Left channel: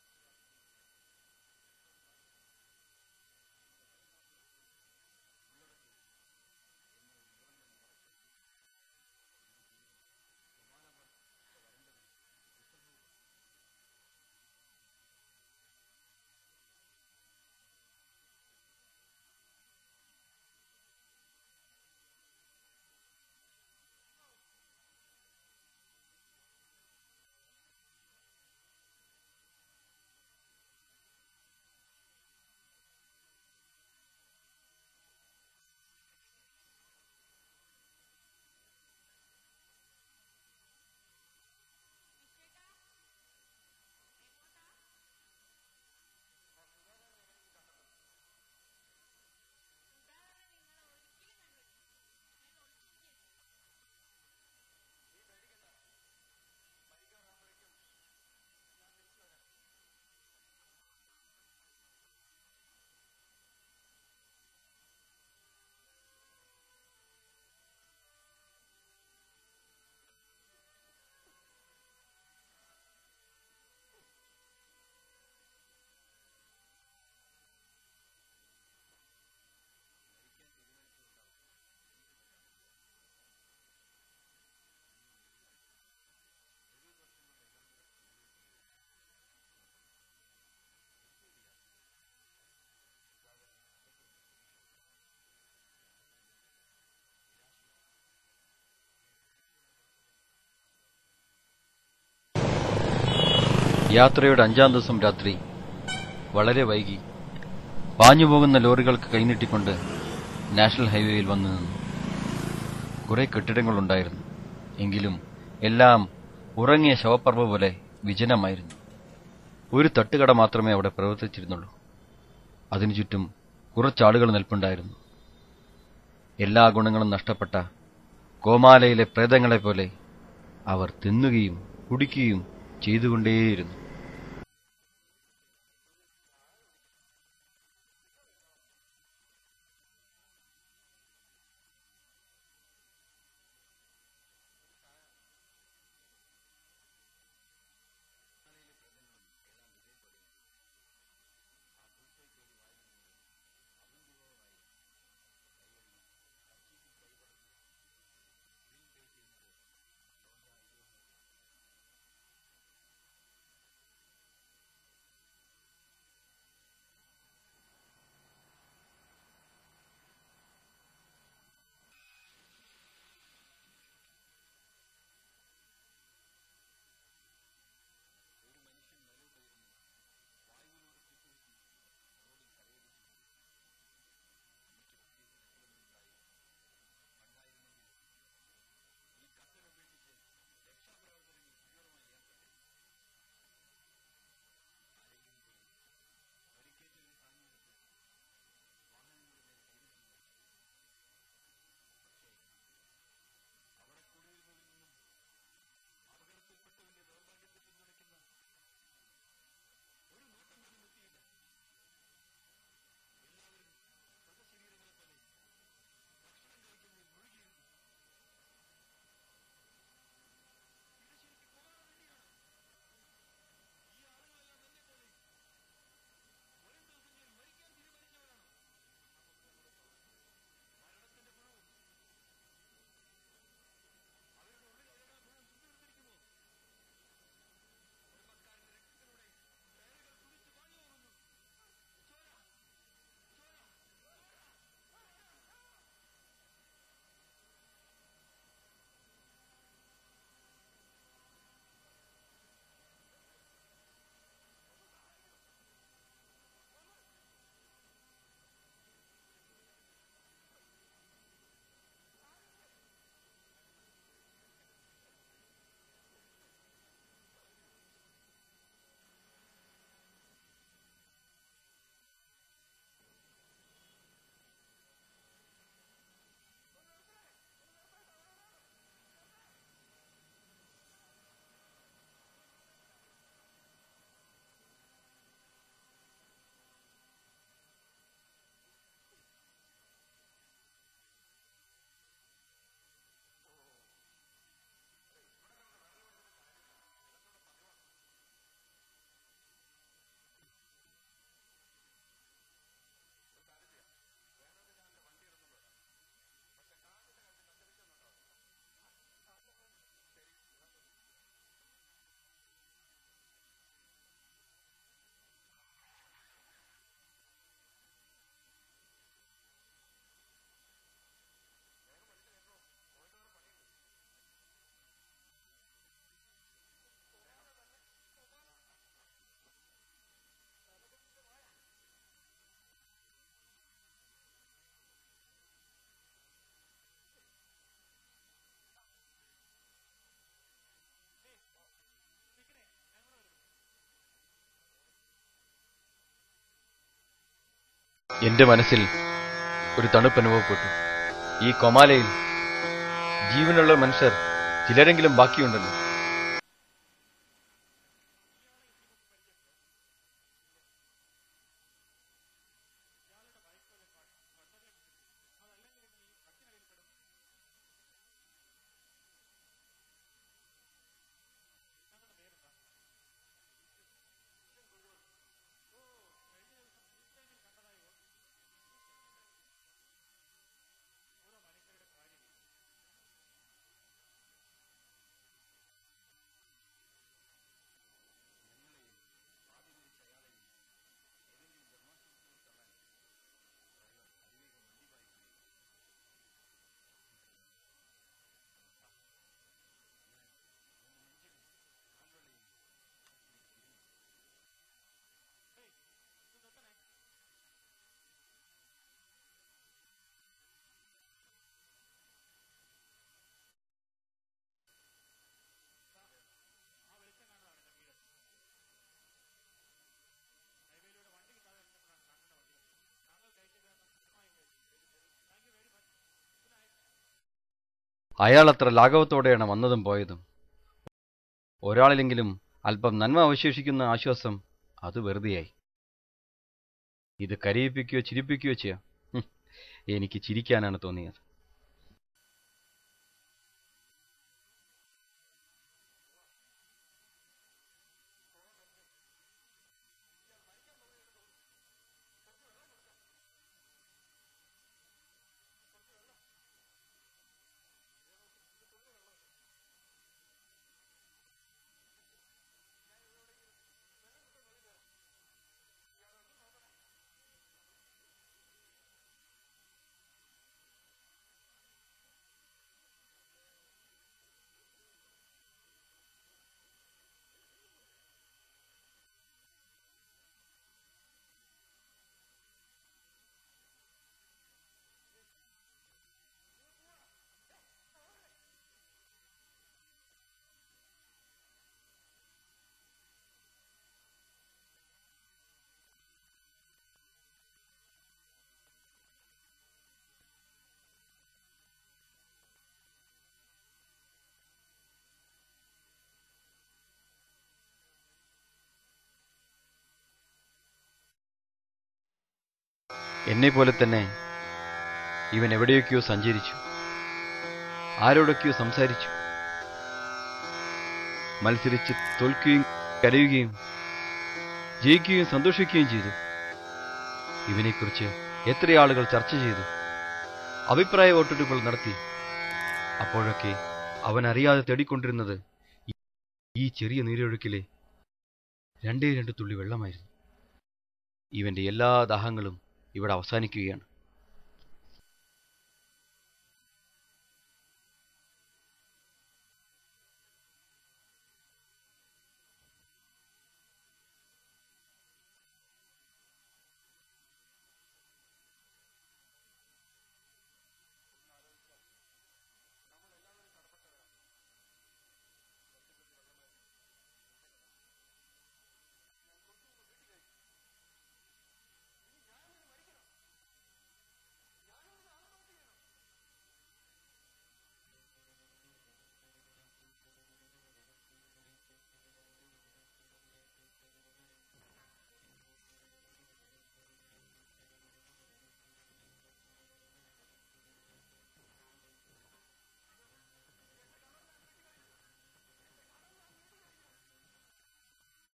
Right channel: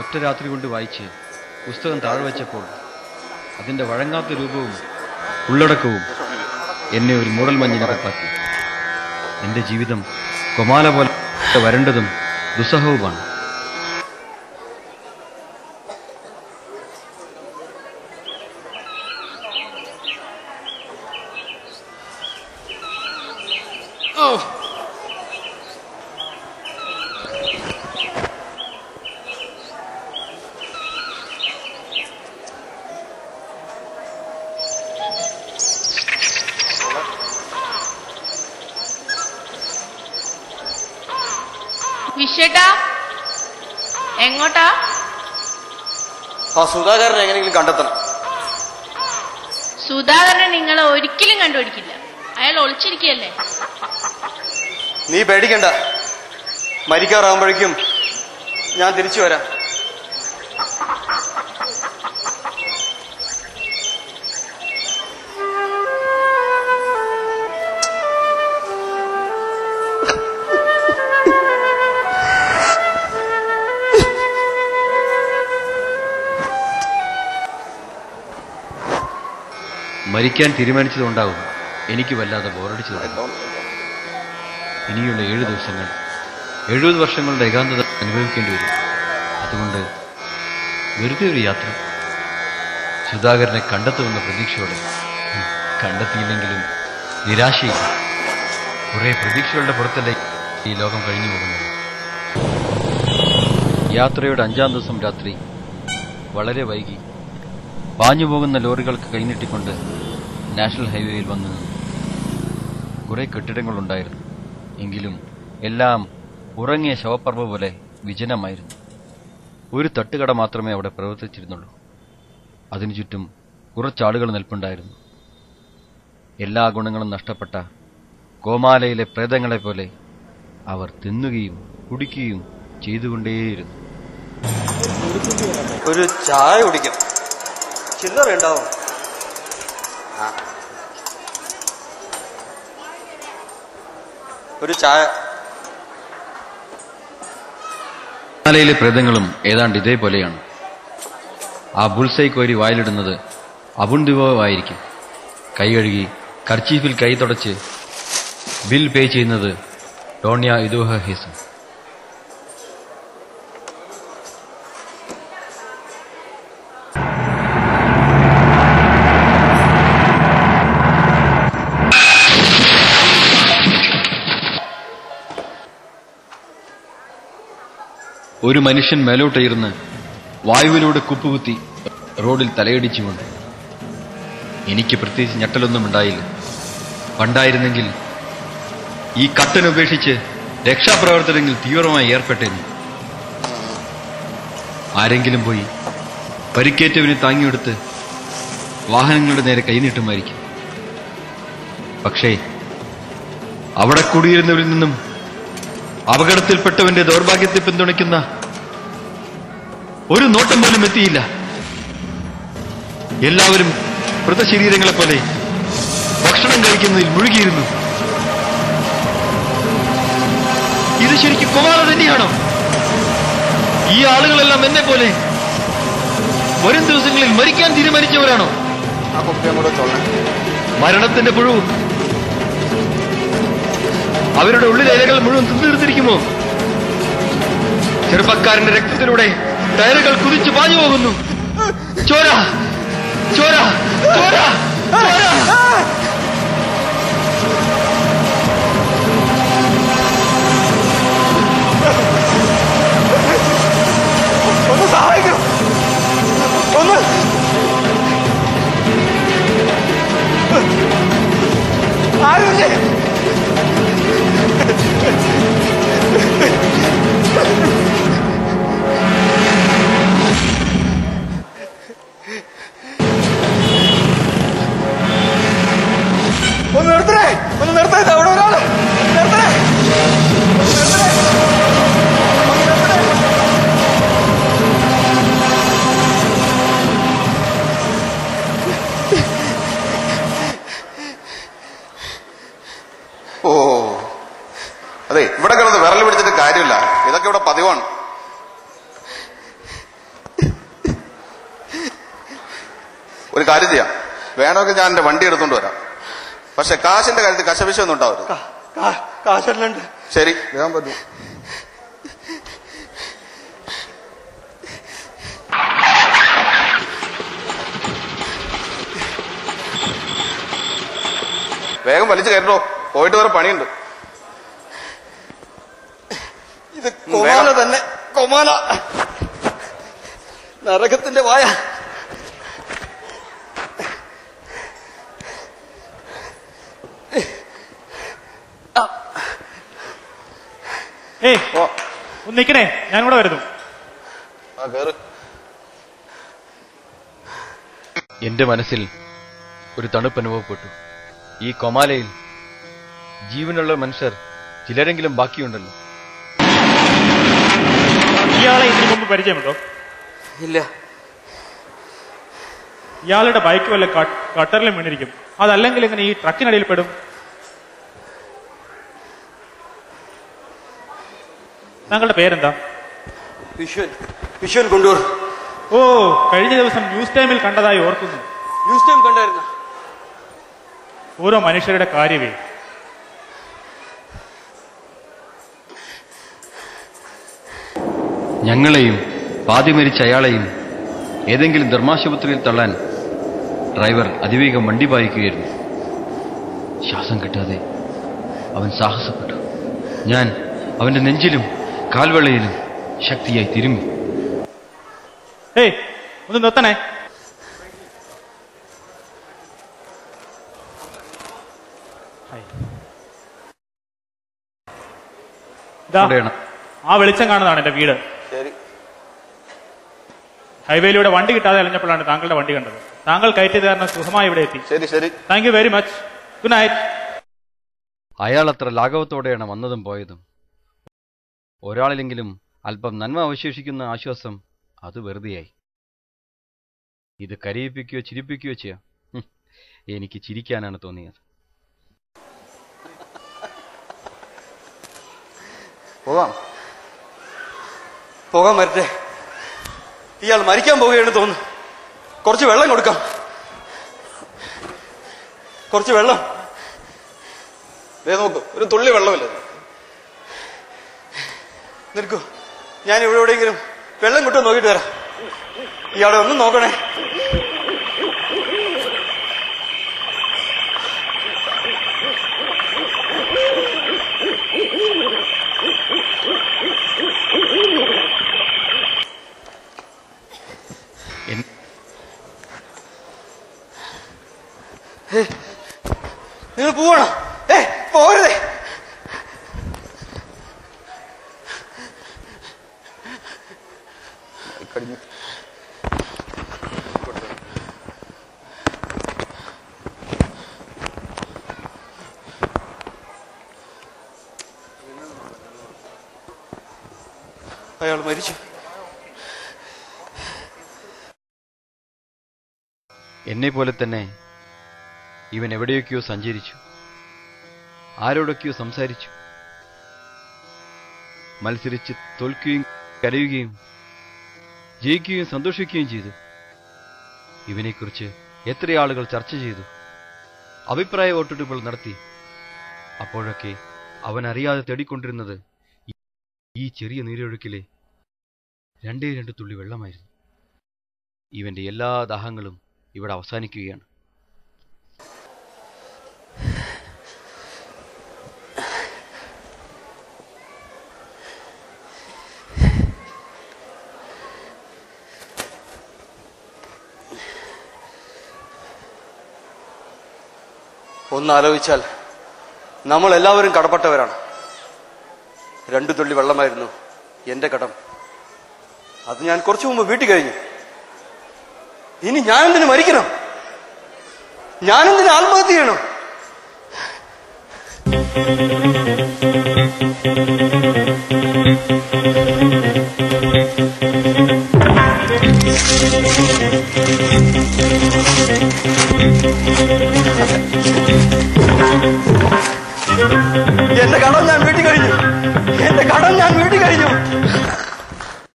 ഒറ്റ രാത്രി കൊണ്ട് വായിച്ച് പുസ്തകം താഴെ വെച്ചപ്പോൾ അതിൻ്റെ വഴങ്ങാത്ത രൂപവും ഉള്ളടക്കവും എന്നെ ഒരു മൂടൽ മഞ്ഞിനകത്താക്കി. എൻ്റെ ജീവിതം കൊമാല പോലെ വരണ്ടതും ദുസ്സഹവുമാണ്. വിശ്വേട്ടാ, എങ്ങോട്ടാ? ആ സുധാകരനെ എങ്ങനെയെങ്കിലും കണ്ടെത്തണം. സുധാകരനെ നിങ്ങൾ ഒരിക്കലും കണ്ടുപിടിക്കില്ല. അയാൾ ഒളിച്ചിരിക്കുകയല്ലേ. നീ പേടിക്കണ്ട, മരിക്കാറാകുമ്പോഴേക്കും ഞാൻ തിരിച്ചു വരാം. മരിക്കാൻ തീരുമാനിച്ചതുകൊണ്ടാവും എനിക്ക് വല്ലാതെ ബോറടിച്ചു തുടങ്ങി. ഇനിയുള്ള 7 ദിവസങ്ങൾ 70 വർഷങ്ങളുടെ ഏകാന്തത അനുഭവിക്കേണ്ടി വരും. അതുകൊണ്ട് വെറുതെ ഒരു യാത്ര. സുധാകരനെ കണ്ടെത്തുമെന്ന പ്രതീക്ഷയോടെ. കണ്ടെത്തിയില്ലെങ്കിലും നിരാശയില്ല. കുറെ പ്രതീക്ഷകളുടെ പുറത്തല്ലേ ഈ ലോകം കഴിഞ്ഞു പോകുന്നത്. യാത്രയുടെ 5-ാം ദിവസം രാത്രി വളരെ വൈകി പാഞ്ഞു പോകുന്ന ലോറികൾക്ക് കൈനീട്ടിക്കൊണ്ട് നാഷണൽ ഹൈവേയിൽ വന്നു നിന്നു. കുറെ കെട്ടിടങ്ങളുണ്ടായിരുന്നു. എങ്കിലും എല്ലാം ഉറങ്ങിയ ശവപ്പറമ്പ് പോലെ വിജനമായിരുന്നു. ഒരു തട്ടുകട മാത്രമേ അവിടെ പ്രവർത്തിച്ചിരുന്നുള്ളൂ. അതിനു ചുറ്റും കുറച്ചാളുകൾ നിൽപ്പുണ്ടായിരുന്നു. എല്ലാ ഗുണങ്ങളും നഷ്ടപ്പെട്ട കോമാലയിലെ പ്രേതങ്ങളെപ്പോലെ അവർ തിന്നുകയും കുടിക്കുകയും ചെയ്തുകൊണ്ടേയിരുന്നു. ഒരു ചായ കുടിക്കാം. ചില്ലറ ഉണ്ടാവും. ഒരു ചായ. കോമാലയിലെ പ്രേതങ്ങളും ഏതാണ്ട് ഇതേപോലെയാണ്. ആ ബുൾസൈ കോരി വായിലിടുന്നത് അബുണ്ടിവായിരിക്കും. കൈ കഴുകി കർച്ചീഫിൽ കൈ തുടച്ച് ബിൽ പേ ചെയ്യുന്നത് ടോണിയ ഇദോഹ ഹേസം. ഒരു മനുഷ്യൻ മേലോട്ടയിരുന്ന് വായുവിലൂടെ കുപ്പുകുത്തി റോഡിൽ തലയടിച്ചുകൊണ്ട്. എനിക്ക് പ്രത്യേകിച്ച് ഞെട്ടലൊന്നും ഉണ്ടായില്ല. പണ്ടായിരുന്നെങ്കിൽ ഈ കട്ടനുപേക്ഷിച്ച് രക്ഷാപ്രവർത്തനങ്ങളിൽ തീവ്രമായി ഏർപ്പെട്ടേനെ. ആരെങ്കിലും പോയി പരിക്കേറ്റവനെ താങ്ങിയെടുത്ത് വാഹനങ്ങളുടെ നേരെ കൈനീട്ടുമായിരിക്കും. പക്ഷേ അവിടെ കൂടിയിരുന്നവരിൽ നിന്നും അപകടത്തിൽപ്പെട്ടവന്റെ ദൗർഭാഗ്യത്തെ പിന്തുണയ്ക്കുന്ന ഒരു നോട്ടം പോലും എത്തിയില്ല. എല്ലാവരും മൃതശരീരങ്ങളെപ്പോലെ ഭക്ഷണം കഴിക്കുന്നതിൽ മുഴുകിയിരുന്നു. ഇത് ശരിക്കും കൊമാല തന്നെയാണോ? ഈ ആളുകളെല്ലാം എന്നെ പോലെ വരും ദിവസങ്ങളിൽ മരിക്കാൻ തീരുമാനിച്ചവരാണോ? മരണത്തിന്റെ പുഴു അവരുടെ ഉള്ളിലെ ഇലകൾ മുഴുവൻ തിന്നിർത്തിരിക്കുമോ? ചെറുപ്പക്കാരന്റെ രക്തത്തിലൂടെ ടയറുകൾ കുതിച്ചു പാഞ്ഞു പോകുന്നു. ചോര ചോര ചോര ചോര. ഒന്ന് സഹായിക്കണം. ഒന്ന് ആരുമില്ലേ? ഒരു കാര്യം ചെയ്യാം, വേണമെങ്കിൽ ഞാൻ എന്റെ വണ്ടി എടുത്തോണ്ട് വരാം. പക്ഷെ കാശിന്റെ കാര്യത്തിൽ കശപിശൊന്നും ഉണ്ടാവരുത്. കാശല്ലുണ്ട്. ശരി, വേഗം പറ്റൂ. വേഗം വലിച്ചു കയറ്റോ, പോയിട്ട് വേറെ പണിയുണ്ട്. ഇത് കൊമാല തന്നെ, കൊമാല. നരകത്തിന്റെ വായ. ഒന്ന് നിക്കണേ, ഞാനിവിടെ വരുന്നു. എന്റെ മനസ്സിൽ ഒരു തണുപ്പ് അനുഭവപ്പെട്ടു. ഈ കൊമാലയിൽ ജീവനുള്ള മനുഷ്യർ ചിലരെങ്കിലും ബാക്കിയുണ്ടല്ലോ. ഇയാളെ ഇതിനു മുമ്പ് പരിചയമുണ്ടോ? ഇല്ല. ഇയാളുടെ ബൈക്ക് വല്ല കട്ടറിലും വീണിരിക്കും. അതല്ലെങ്കിൽ ഇങ്ങനെ ഈ ട്രക്കിനടിയിൽ പെടും. താങ്കളുടെ പേരെന്താ? വിശ്വൻ കൊണ്ടൂർ. ഓ, കഴിഞ്ഞ ദിവസം ന്യൂസ് ടൈമിൽ കണ്ടതായി ഓർക്കുന്നു. ന്യൂസ് ടൈം കണ്ടായിരുന്ന? ഓരോ മനുഷ്യരുടെ കാര്യമേ. ഞങ്ങളെയും പാതി മരിച്ച അയാളെയും ഏതെങ്കിലും ധർമാശുപത്രിയിൽ തള്ളാൻ ഡ്രൈവർ അതിവേഗം വണ്ടി പായിക്കുകയായിരുന്നു. ശ്വാസം കിട്ടാതെ അവൻ സാഹസപ്പെട്ടു. ഞാൻ അവന്റെ നെഞ്ചിലും കാൽവെള്ളയിലും ശക്തിയായി തിരുമ്മി. ഒന്ന് നിർത്തണേ. ആ വെളിച്ചം കാണുന്നതാണ് എന്റെ വീട്. ഹൈവേയിലൂടെ വണ്ടി കിട്ടാതെ അലഞ്ഞപ്പോഴാണ് താങ്കളുടെ വണ്ടി കണ്ടത്. താങ്കൾ കയറ്റിയത് കാരണം സുഖമായി ഇവിടെ എത്തി. Thank you very much. Good night. അയാൾ അത്ര ലാഘവത്തോടെയാണ് വന്നതും പോയതും. ഒരാളിലെങ്കിലും അല്പം നന്മ അവശേഷിക്കുന്ന ആശ്വാസം അത് വെറുതെയായി. ഇത് കരയിപ്പിക്കുകയോ ചിരിപ്പിക്കുകയോ ചെയ്യാം. എനിക്ക് ചിരിക്കാനാണ് തോന്നിയത്. പോകാൻ വരട്ടെ. ഇയാൾ മരിക്കാൻ പോവുകയാണെന്ന് തോന്നുന്നു. കുറച്ച് വെള്ളം കൊടുക്കാം. കുറച്ച് വെള്ളം. നോക്കൂ, ഒരു തുള്ളി വെള്ളമില്ല. നിൽക്കൂ, ഞാൻ ഇവിടെ എവിടെയെങ്കിലും വെള്ളം കിട്ടുമോ നോക്കിയിട്ട് വരാം. ഇയാളെ ഒന്നും നോക്കണേ. നിങ്ങൾ പോവണം. പോകരുതേ. അയാൾ മരിച്ചു. എന്നെ പോലെ തന്നെ ഇവൻ എവിടെയൊക്കെയോ സഞ്ചരിച്ചു, ആരോടൊക്കെയോ സംസാരിച്ചു, മത്സരിച്ച് തോൽക്കുകയും കരയുകയും ജയിക്കുകയും സന്തോഷിക്കുകയും ചെയ്തു. ഇവനെക്കുറിച്ച് എത്ര ആളുകൾ ചർച്ച ചെയ്തു, അഭിപ്രായ വോട്ടെടുപ്പുകൾ നടത്തി. അപ്പോഴൊക്കെ അവൻ അറിയാതെ തേടിക്കൊണ്ടിരുന്നത് ഈ ചെറിയ നീരൊഴുക്കിലെ 2 തുള്ളി വെള്ളമായിരുന്നു. ഇവന്റെ എല്ലാ ദാഹങ്ങളും ഇവിടെ അവസാനിക്കുകയാണ്. ഒന്നാലോചിച്ചാൽ നമ്മൾ എല്ലാവരും കടപ്പെട്ടവരാണ്. 2 തുള്ളി വെള്ളമായിരുന്നു എന്റെ കടം. അത് ഞാൻ കുറച്ചു മുമ്പ് വീട്ടിൽ കഴിഞ്ഞു. ഇനി ഞാനെന്തിനു മരിക്കണം? ഞാനെന്തിനു ആത്മഹത്യ ചെയ്യണം?